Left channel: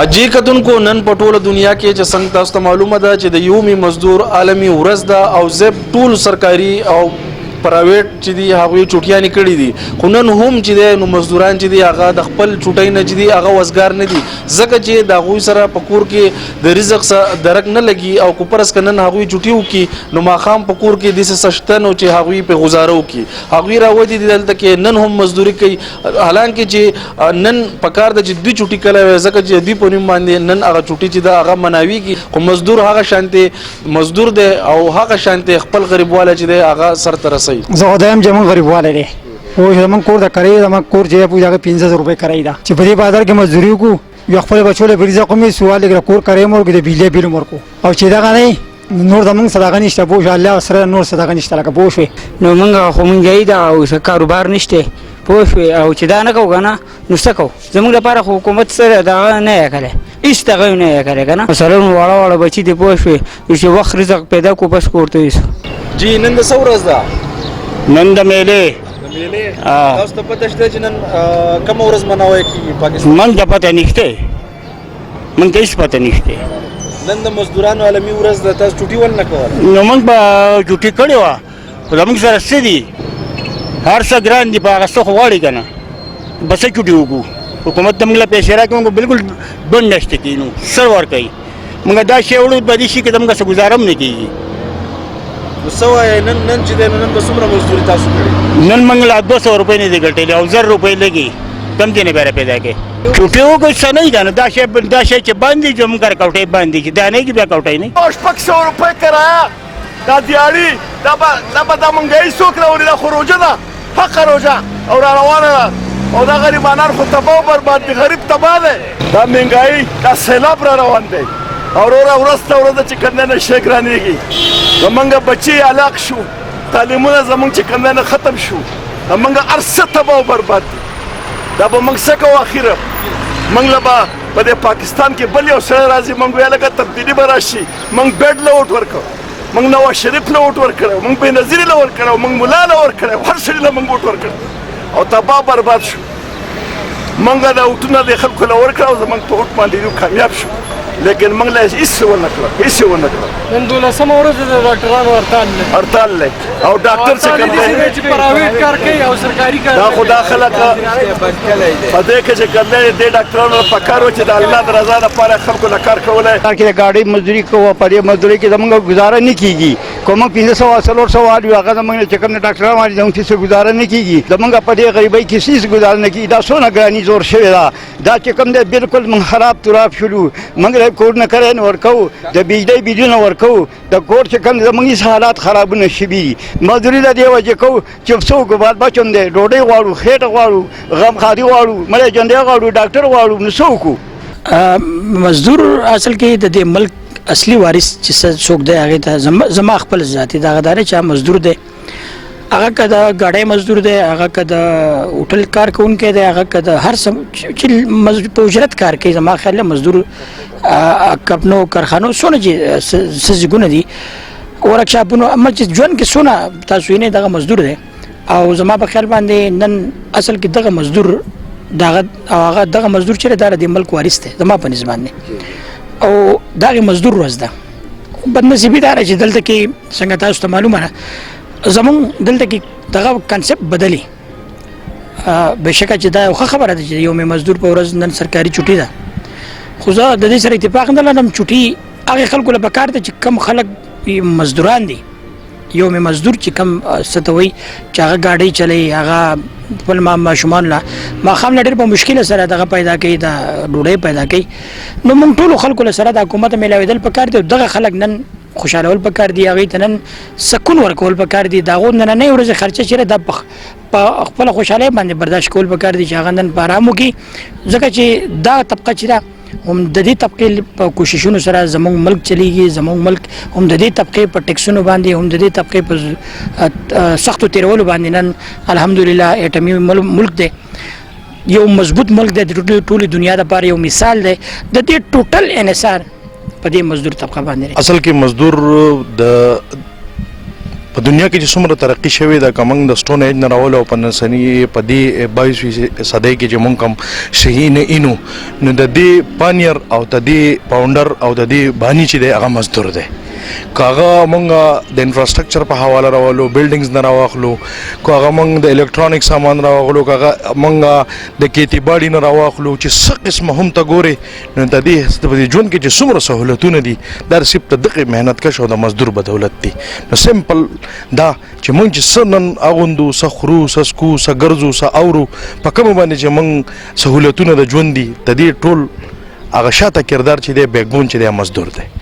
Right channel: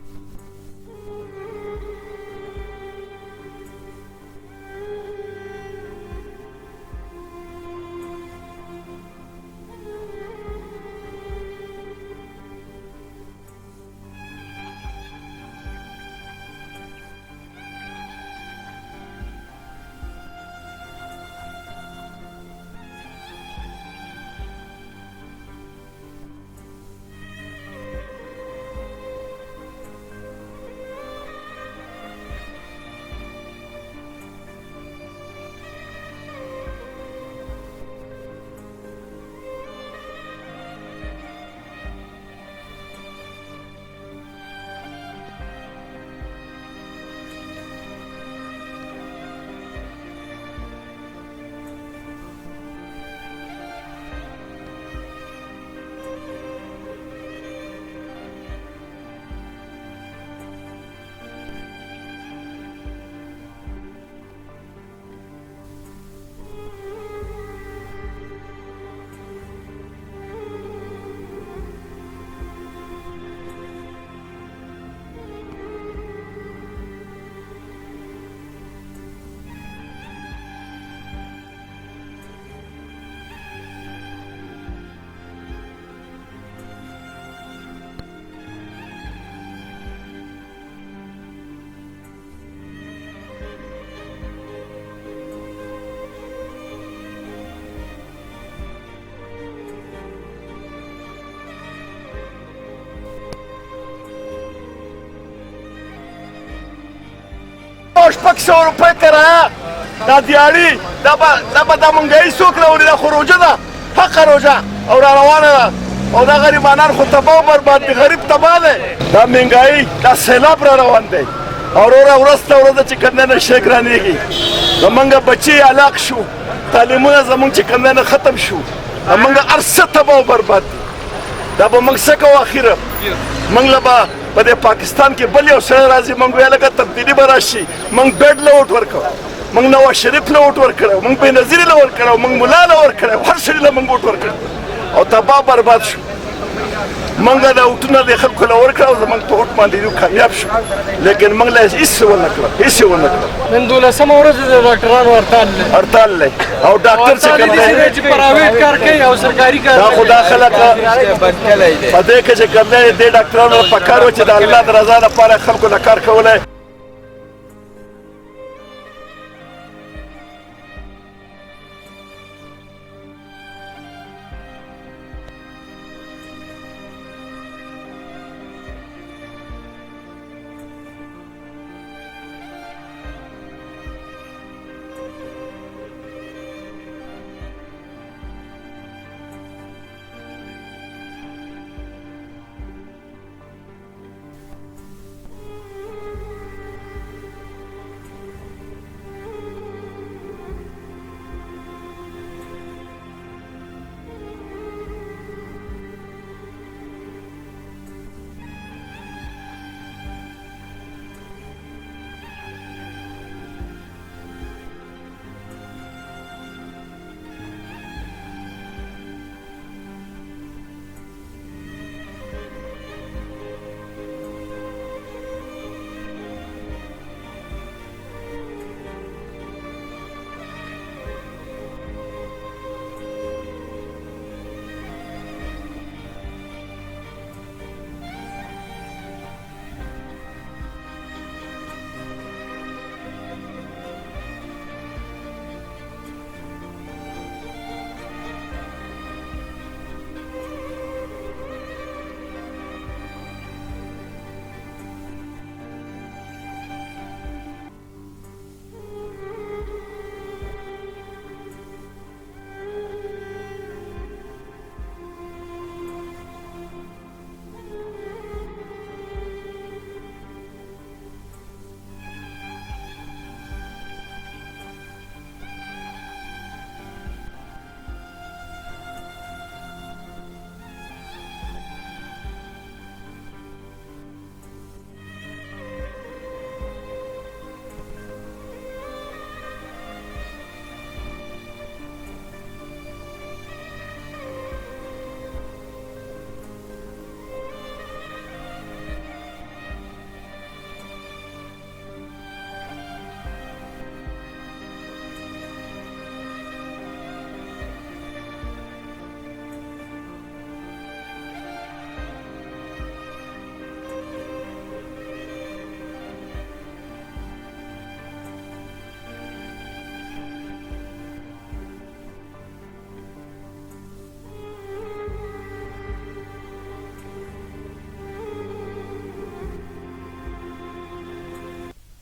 اجي کتونکو نن په ټوله دنیا کې چې څنګه تاسو ته معلومه ده چې د یومي مزدور عالمي ورځ ده او زب ټول سرکاري او پرایویټ چې دی هغوی چوټیانې کړي دي خو نن هم چې دی نو مزدوران چې دی هغه د خپل چوټۍ نه چې دی هغه وزګار نه دي ځکه چې د هغوی سره په کور کې د رزق درک نه لګي او که فرض که نن هغوی چوټي وکړي نو ماښام په کور کې داسې شته نو چې هغوی پرې ګزاره وکړي هغوی راودي دي دلته کې نن هم مزدوري کوي حالانکه چې نن پکار ده چې دوی چوټي کله وي ځکه چې دوی په نوم باندې نن هغه چوټي چې ده هغه مناویږي خو مزدور هغه شانتې مزدور دی او هغه شانتې خپل غریبوالی چې دی هغه سرته رسوي زه خدایم چې موږ غریبوالی دی خو زموږ کور د کرایې زموږ کور چې دی هغه 1500 روپۍ کرایه ده چې په دې بازار کې مزدوري وکړو یو خپل بچو له رزق هم یې سوال لږ کور کرایه مو ورکړو د بجلۍ بیل مو ورکړو او چې دغه نه نور زموږ صدقه نشته پوه شوې الله سره نور صدقه نشته لکه پوه شوې نو موږ خو مونږ ده او څه کاروبار نشته پوه شوې او چې دا نه کوو که نه نو څه کوو زموږ لپاره خو حکومت سره دغه نه یې کړی هېڅ دغه یې نه یې کړی که نه مثلا واړه واړه بچي دي پوه شوې چې وخت رزق پیدا کړو بس کور ته یوسو جی نن د څه ورځ ده نن د میلې تاسو ته پته شته چې نن کومه ورځ مناوی کېږي پاکستان من ته پته نشته من ته هېڅ پته نشته نن د مزدورانو عالمي ورځ ده تاسو چوټي ولې نه کوله نو موږ به چوټي کړې وه خو زموږ سره څه دي هر څه ګران دي په هغه څه خو غواړي که نه به څه چوټي وکړو حکومت ته موږ له پیسې راکړي موږ بالکل بند نشته کېږي نو سر ورکوي موږ دا شی وړو په دې شي کې د موږ څه ګزاره هم نه کېږي نو څه وایې نن چې دی نو نن به څومره مزدوري تاسو کړې نن موږ لا 200 روپۍ نه دي ګټلې او 1000 روپۍ لګي کم ځای نه بیا پیدا کړې چوټي وکړو څه نه ده نو دا شی چې بند دي زموږ کره کوټۍ بند دي چې دا نه کي بیا کوټۍ نه شپږ سوه روپۍ کرایه دا دیاړي دا به دا مونږایي څوک راوړي دا خو روژه ده حقه روژه او را روانه ده او دا غریبانان خو تباه و برباد دي غریب تباه دی دا مهنګایي دا سیلاب را روان دی او وروره ورځ ته ورځ چې کوم دی نه شی ګرانېږي زمونږ بچي هلاک شو تعلیمونه زمونږ چې کوم دی نه ختم شو زمونږ هر څه تباه و برباد دي دا به موږ څه کوو اخره موږ له به په دې پاکستان کې بل یو سړی راځي موږ ویل لکه تبدیلي به راشي موږ بیډ له ووټ ورکړو موږ نواز شریف له ووټ ورکړی موږ بېنظیري له ورکړی موږ ملا له ورکړی هر سړي له موږ ووټ ورکړی او تباه برباد شو موږ دا ووټونه د خلکو له ورکړه او زموږ په ووټ باندې کامیاب شو لیکن موږ له هېڅ ونه کړه هېڅ ونه کړه نن 12مه ورځ د ډاکټرانو هړتال دی او ډاکټر چې کوم دی چې پرایویټ کار کوي او سرکاري کار دا خو دا خلک په دې کې چې کوم دی دې ډاکټرانو په کار و چې د الله د رضا لپاره خلکو له کار کولی کې د ګاډۍ مزدوري کوو په دې مزدوري کې زموږ ګزاره نه کېږي که موږ 500 400 وال یو هغه زموږ نه چې کوم ډاکټران وایي زموږ هېڅ ګزاره نه کېږي زموږ په دې غریبۍ کې هېڅ ګزاره نه کېږي دا څونه ګراني زور شوې ده دا چې کوم دی بالکل موږ خراب تراب شولو موږ له کورونه کرایه نه ورکوو د بجلۍ بیلونه ورکوو د کور چې کوم دی زموږ هېڅ حالات خرابونه شوي دي مزدوري د دې وجې کوو چې څوک بال بچم دی ډوډۍ غواړو خېټه غواړو غمخادي غواړو مړی ژوندی غواړو ډاکټر غواړو نو څه وکړو مزدور اصل کې د دې ملک اصلي وارث چې څوک دی هغې ته زما خپل ذاتي دغه دا دی چې مزدور دی هغه که د ګاډۍ مزدور دی هغه که د هوټل کار کوونکی دی هغه که د هر څه چې په اجرت کار کوي زما خیال دی مزدور کپنو کارخانو څونه چې څه ځایونه دي ورکشاپونو اما چې ژوند کې څونه تاسو وینئ دغه مزدور دی او زما په خیال باندې نن اصل کې دغه مزدور هغه دغه مزدور چې دی دا د ملک وارث دی زما په نظر باندې او دغه مزدور ورځ ده بدنصیبي دا ده چې دلته کې څنګه تاسو ته معلومه ده زمونږ دلته کې دغه کنسپټ بدلی بېشکه چې دا یو ښه خبره ده چې یوم مزدور په ورځ نن سرکاري چوټي ده خو زه د دې سره اتفاق نه لرم چوټي هغې خلکو له پکار ده چې کم خلک مزدوران دي یوم مزدور چې کم څه ته وایي چې هغه ګاډۍ چلوي هغه خپل ماشومان له ماښام له ډېر په مشکله سره دغه پیدا کوي د ډوډۍ پیدا کوي نو موږ ټولو خلکو له سره د حکومت میلاوېدل پکار دي دغه خلک نن خوشحالول پکار دي هغوی ته نن سکون ورکول پکار دي د هغو نننۍ ورځې خرچه چې ده په خپله خوشحالۍ باندې برداشت کول پکار دي چې هغه نن په ارام وکړي ځکه چې دا طبقه چې ده هم د دې طبقې په کوششونو سره زموږ ملک چلیږي زموږ ملک هم د دې طبقې په ټیکسونو باندې هم د دې طبقې په سختو تېرولو باندې نن الحمدلله اټمي ملک دی یو مضبوط ملک دی د ټولې دنیا دپاره یو مثال دی د دې ټوټل انحصار په دې مزدور طبقه باندې اصل کې مزدور د په دنیا کې چې څومره ترقي شوې ده که موږ د سټون ایج نه راولو او په نسني په دې 22 صدۍ کې چې موږ کوم صحیح نه اینو نو د دې پانیر او د دې پاونډر او د دې بانی چې دی هغه مزدور دی که هغه موږ د انفراسټرکچر په حواله راولو بلډینګز نه راواخلو که هغه موږ د الکترونیک سامان راواخلو که هغه موږ د کیتی باډي نه راواخلو چې څه قسمه هم ته ګورې نو د دې ژوند کې چې څومره سهولتونه دي دا صرف د دغه محنت کش او د مزدور بدولت دي نو سمپل دا چې موږ چې څه نن اغوندو څه خورو څه څکو څه ګرځو څه اورو په کومه باندې چې موږ سهولتونه د ژوند دي د دې ټول هغه شاته کردار چې دی بیکبون چې دی مزدور دی